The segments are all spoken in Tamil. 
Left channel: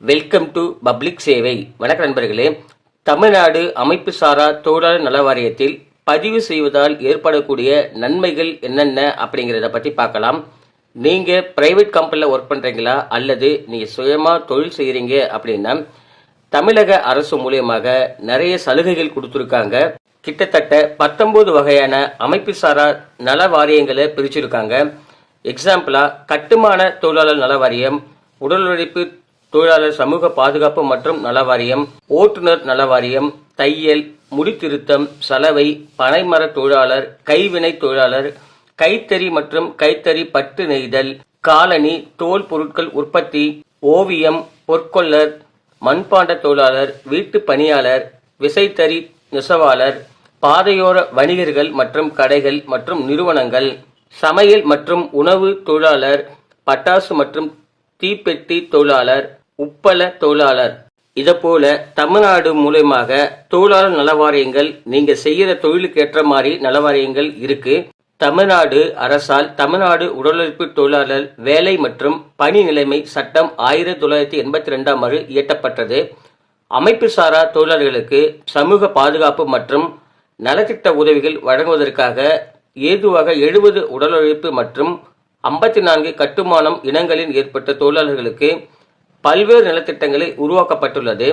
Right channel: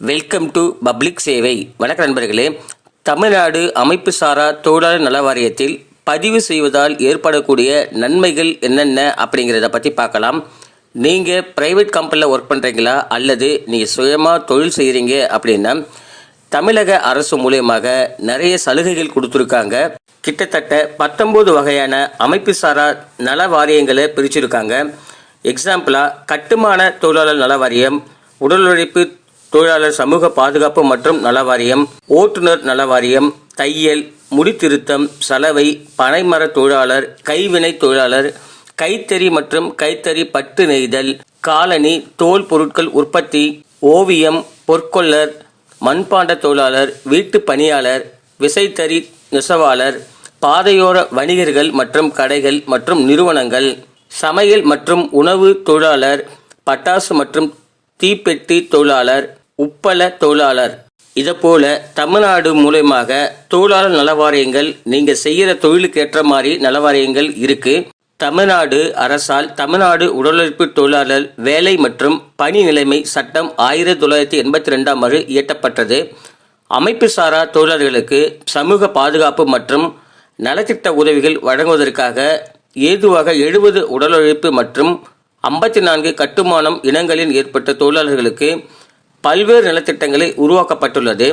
வெல்கம் டு பப்ளிக் சேவை வணக்க நண்பர்களே. தமிழ்நாடு அமைப்பு சாரா தொழிலாளர் நல வாரியத்தில் பதிவு செய்வதால் ஏற்படக்கூடிய நன்மைகள் என்னென்ன அப்படிங்கிறத பற்றி பார்க்கலாம். நீங்கள் ப்ரைவேட் கம்பெனியில் ஒர்க் பண்ணுறீங்களா அல்லது நீங்கள் சுயமாக தொழில் செய்கிறீங்க அப்படின்னா தமிழக அரசு மூலியமாக நிறைய சலுகைகள் கொடுத்துருக்காங்க. கிட்டத்தட்ட பத்தொம்போது வகையான அமைப்பு சாரா நல வாரியங்களை பிரிச்சிருக்காங்க. எக்ஸாம்பிளாக கட்டுமான தொழிலாளர் நல வாரியம் உடல் உழைப்பு தொழிலாளர் சமூக பாதுகாப்பு மற்றும் நலவாரியம் ஓட்டுநர் நலவாரியம் தையல் முடித்திருத்தம் சலவை பனைமர தொழிலாளர் கைவினை தொழிலாளர் கைத்தறி மற்றும் கைத்தறி பட்டு நெய்தல் காலனி தோல் பொருட்கள் உற்பத்தி ஓவியம் பொற்கொள்ளர் மண்பாண்ட தொழிலாளர் வீட்டு பணியாளர் விசைத்தறி நெசவாளர் பாதையோர வணிகர்கள் மற்றும் கடைகள் மற்றும் நிறுவனங்கள் சமையல் மற்றும் உணவு தொழிலாளர் பட்டாசு மற்றும் தீப்பெட்டி தொழிலாளர் உப்பள தொழிலாளர். இதைப்போல தமிழ்நாடு மூலயமாக தொழிலாளர் நலவாரியங்கள் நீங்கள் செய்கிற தொழிலுக்கு ஏற்ற மாதிரி நலவாரியங்கள் இருக்கு. தமிழ்நாடு அரசால் தமிழ்நாடு உடலுழைப்பு தொழிலாளர் வேலை மற்றும் பணி நிலைமை சட்டம் ஆயிரத்தி தொள்ளாயிரத்தி எண்பத்தி ரெண்டாம் ஆண்டு இயற்றப்பட்டது. அமைப்பு சாரா தொழிலாளர்களுக்கு சமூக பாதுகாப்பு மற்றும் நலத்திட்ட உதவிகள் வழங்குவதற்காக ஏதுவாக எழுபது உடல் உழைப்பு மற்றும் ஐம்பத்தி நான்கு கட்டுமானம் இனங்களில் ஏற்பட்ட தொழிலாளர்களுக்கு பல்வேறு நலத்திட்டங்களை உருவாக்கப்பட்டுள்ளது.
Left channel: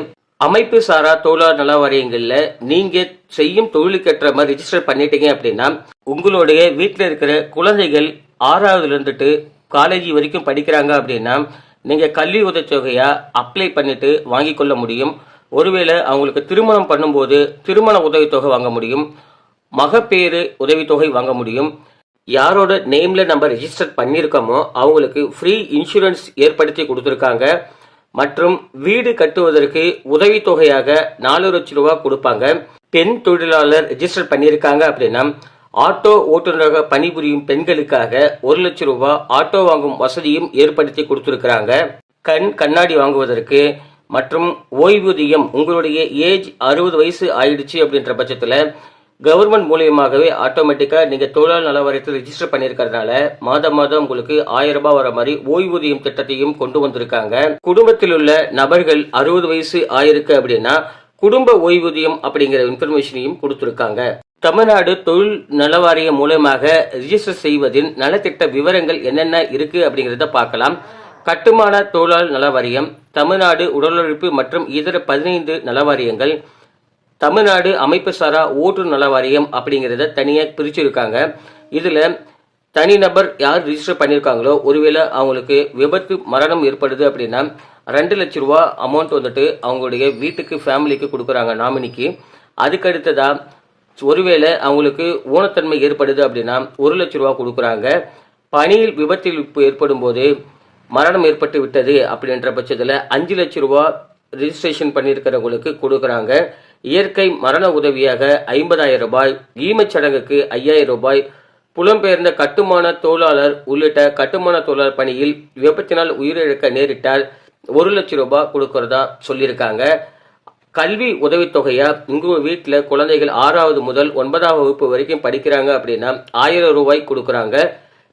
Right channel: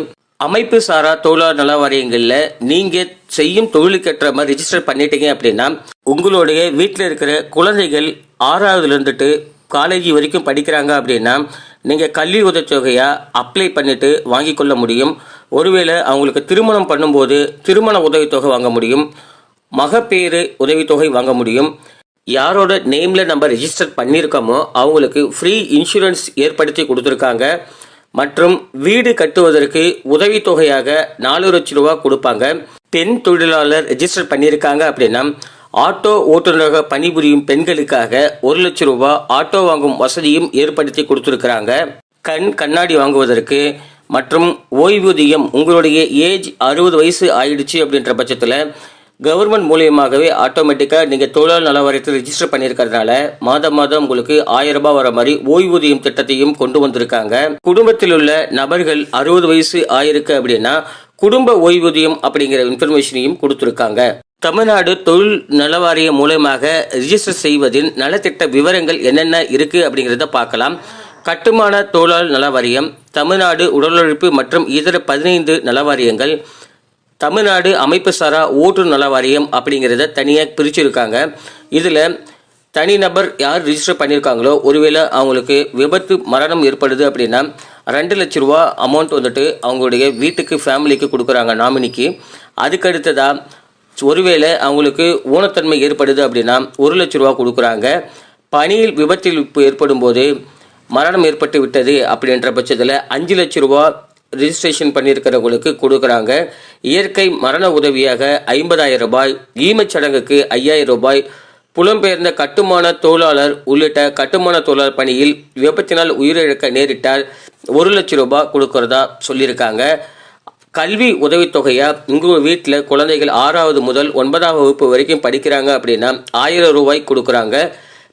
அமைப்பு சாரா தொழிலாளர் நல வாரியங்களில் நீங்க செய்யும் தொழிலுக்கேற்ற மாதிரி ரிஜிஸ்டர் பண்ணிட்டீங்க அப்படின்னா உங்களுடைய வீட்டில் இருக்கிற குழந்தைகள் ஆறாவதுல இருந்துட்டு காலேஜ் வரைக்கும் படிக்கிறாங்க அப்படின்னா நீங்க கல்வி உதவித்தொகையா அப்ளை பண்ணிட்டு வாங்கி கொள்ள முடியும். ஒருவேளை அவங்களுக்கு திருமணம் பண்ணும்போது திருமண உதவித்தொகை வாங்க முடியும். மகப்பேறு உதவித்தொகை வாங்க முடியும். யாரோட நேமில் நம்ம ரெஜிஸ்டர் பண்ணியிருக்கோமோ அவங்களுக்கு ஃப்ரீ இன்சூரன்ஸ் ஏற்படுத்தி கொடுத்துருக்காங்க. மற்றும் வீடு கட்டுவதற்கு உதவித்தொகையாக நாலு லட்சம் ரூபா கொடுப்பாங்க. பெண் தொழிலாளர் ரெஜிஸ்டர் பண்ணியிருக்காங்க அப்படின்னா ஆட்டோ ஓட்டுநராக பணிபுரியும் பெண்களுக்காக ஒரு லட்சம் ரூபா ஆட்டோ வாங்கும் வசதியும் ஏற்படுத்தி கொடுத்துருக்குறாங்க. கண் கண்ணாடி வாங்குவதற்கு மற்றும் ஓய்வூதியம் உங்களுடைய ஏஜ் அறுபது வயசு ஆயிடுச்சு அப்படின்ற பட்சத்தில் கவர்மெண்ட் மூலியமாகவே ஆட்டோமேட்டிக்காக நீங்கள் தொழிலாளர் நலவாரியத்தில் ரிஜிஸ்டர் பண்ணியிருக்கிறதுனால மாதம் மாதம் உங்களுக்கு ஆயிரம் ரூபாய் வர மாதிரி ஓய்வூதியம் திட்டத்தையும் கொண்டு வந்திருக்காங்க. குடும்பத்தில் உள்ள நபர்கள் அறுபது வயசு ஆயிருக்கு அப்படின்னா குடும்ப ஓய்வூதியம் அப்படிங்கிற இன்ஃபர்மேஷனையும் கொடுத்துருக்காங்க. தமிழ்நாடு தொழில் நலவாரியம் மூலயமாக ரிஜிஸ்டர் செய்வதின் நலத்திட்ட விவரங்கள் என்னென்ன இருக்கு அப்படிங்கிறத பார்க்கலாம். கட்டுமான தொழிலாளர் நலவாரியம் தமிழ்நாடு உடலுழைப்பு மற்றும் இதர பதினைந்து நலவாரியங்கள் தமிழ்நாடு அமைப்பு சாரா ஓட்டுநர் நல வாரியம் அப்படிங்கிறத தனியாக பிரிச்சிருக்காங்க. இதில் தனிநபர் யார் ரிஜிஸ்டர் பண்ணியிருக்காங்களோ ஒருவேளை அவங்களுக்கு விபத்து மரணம் ஏற்படுது அப்படின்னா ரெண்டு லட்ச ரூபா அமௌண்ட் வந்துட்டு அவங்களுடைய வீட்டுக்கு ஃபேமிலிக்கு கொடுக்குறாங்க நாமினிக்கு அதுக்கடுத்ததாக ஒருவேளை அவங்களுக்கு ஊனத்தன்மை ஏற்படுது அப்படின்னா ஒரு லட்ச ரூபா கொடுக்குறாங்க. பணியில் விபத்தில் ஏற்படும் போது மரணம் ஏற்பட்டு விட்டது அப்படின்ற பட்சத்தில் அஞ்சு லட்ச ரூபா ரிஜிஸ்ட்ரேஷன் பண்ணியிருக்கிறவங்களுக்கு கொடுக்குறாங்க. இயற்கை மரண உதவியாக ஐம்பதாயிரம் ரூபாய் ஈமச்சடங்குக்கு ஐயாயிரம் ரூபாய் புலம்பெயர்ந்த கட்டுமான தொழிலாளர் உள்ளிட்ட கட்டுமான தொழிலாளர் பணியில் விபத்தினால் உயிரிழக்க நேரிட்டால் ஒரு லட்சம் ரூபாய் கொடுக்கறதா சொல்லியிருக்காங்க. கல்வி உதவித்தொகையா? உங்கள் வீட்டில் குழந்தைகள் ஆறாவது முதல் ஒன்பதாம் வகுப்பு வரைக்கும் படிக்கிறாங்க அப்படின்னா ஆயிரம் ரூபாய் கொடுக்குறாங்க.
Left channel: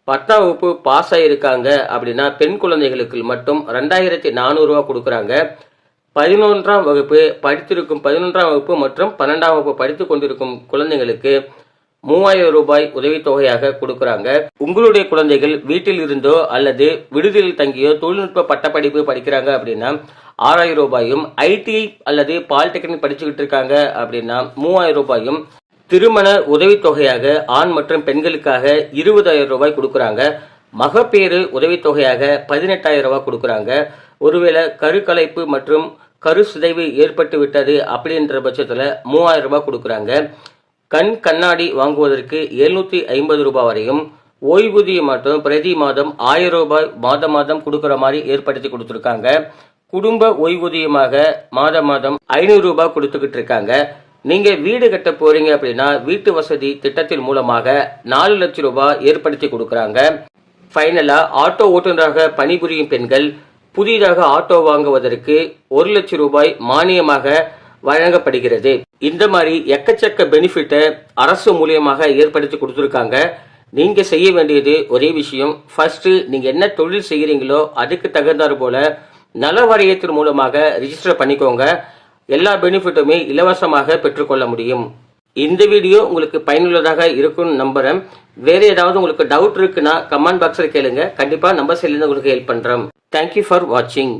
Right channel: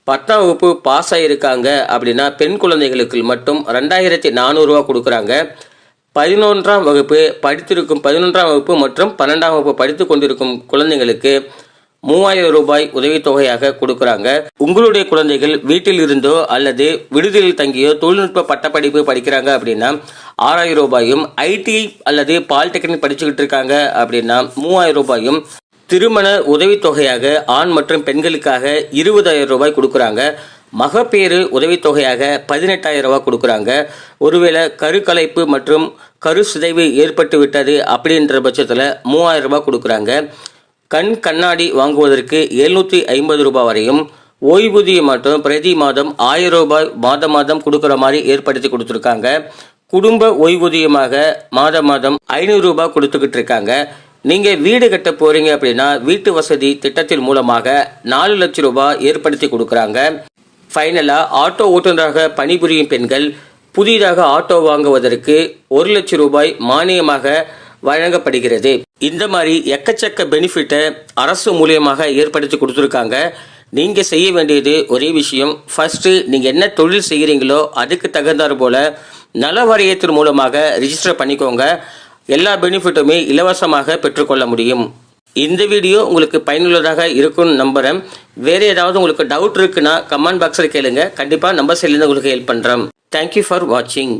பத்தாம் வகுப்பு பாஸ் ஆகியிருக்காங்க அப்படின்னா பெண் குழந்தைகளுக்கு மட்டும் ரெண்டாயிரத்தி நானூறுரூவா கொடுக்குறாங்க. பதினொன்றாம் வகுப்பு படித்திருக்கும் பதினொன்றாம் வகுப்பு மற்றும் பன்னெண்டாம் வகுப்பு படித்து கொண்டிருக்கும் குழந்தைங்களுக்கு மூவாயிரம் ரூபாய் உதவித்தொகையாக கொடுக்குறாங்க. உங்களுடைய குழந்தைகள் வீட்டில் இருந்தோ அல்லது விடுதியில் தங்கியோ தொழில்நுட்ப பட்டப்படிப்பு படிக்கிறாங்க அப்படின்னா ஆறாயிரம் ரூபாயும் ஐடிஐ அல்லது பாலிடெக்னிக் படிச்சுக்கிட்டு இருக்காங்க அப்படின்னா மூவாயிரம் ரூபாயும் திருமண உதவித்தொகையாக ஆண் மற்றும் பெண்களுக்காக இருபதாயிரம் ரூபாய் கொடுக்குறாங்க. மகப்பேறு உதவித்தொகையாக பதினெட்டாயிரம் ரூபா கொடுக்குறாங்க. ஒருவேளை கருக்கலைப்பு மற்றும் கரு சிதைவு ஏற்பட்டு விட்டது அப்படின்ற பட்சத்தில் மூவாயிரம் ரூபாய் கொடுக்குறாங்க. கண் கண்ணாடி வாங்குவதற்கு எழுநூற்றி ஐம்பது ரூபாய் வரையும் ஓய்வூதியம் மட்டும் பிரதி மாதம் ஆயிரம் ரூபாய் மாதம் மாதம் கொடுக்குற மாதிரி ஏற்படுத்தி கொடுத்துருக்காங்க. குடும்ப ஓய்வூதியமாக மாதம் மாதம் ஐநூறு ரூபாய் கொடுத்துக்கிட்டு இருக்காங்க. நீங்கள் வீடு கட்ட போகிறீங்க அப்படின்னா வீட்டு வசதி திட்டத்தின் மூலமாக நாலு லட்சம் ரூபாய் ஏற்படுத்தி கொடுக்குறாங்க. ஃபைனலாக ஆட்டோ ஓட்டுநராக பணிபுரியும் பெண்கள் புதிதாக ஆட்டோ வாங்குவதற்கு ஒரு லட்சம் ரூபாய் மானியமாக வழங்கப்படுகிறது. இந்த மாதிரி எக்கச்சக்க பெனிஃபிட்டை அரசு மூலியமாக ஏற்படுத்தி கொடுத்துருக்காங்க. நீங்கள் செய்ய வேண்டியது ஒரே விஷயம். ஃபர்ஸ்ட்டு நீங்கள் என்ன தொழில் செய்கிறீங்களோ அதுக்கு தகுந்தாற் போல நல வாரியத்தின் மூலமாக ரிஜிஸ்டர் பண்ணிக்கோங்க. எல்லா பெனிஃபிட்டுமே இலவசமாக பெற்றுக்கொள்ள முடியும். இந்த வீடியோ உங்களுக்கு பயனுள்ளதாக இருக்கும்னு நம்புகிறேன் வேறு ஏதாவது உங்களுக்கு டவுட் இருக்குன்னா கமெண்ட் பாக்ஸில் கேளுங்க. கண்டிப்பாக நம்ம சைட்லேருந்து உங்களுக்கு ஹெல்ப் பண்ணுறேன் தேங்க்யூ ஃபார் வாட்சிங்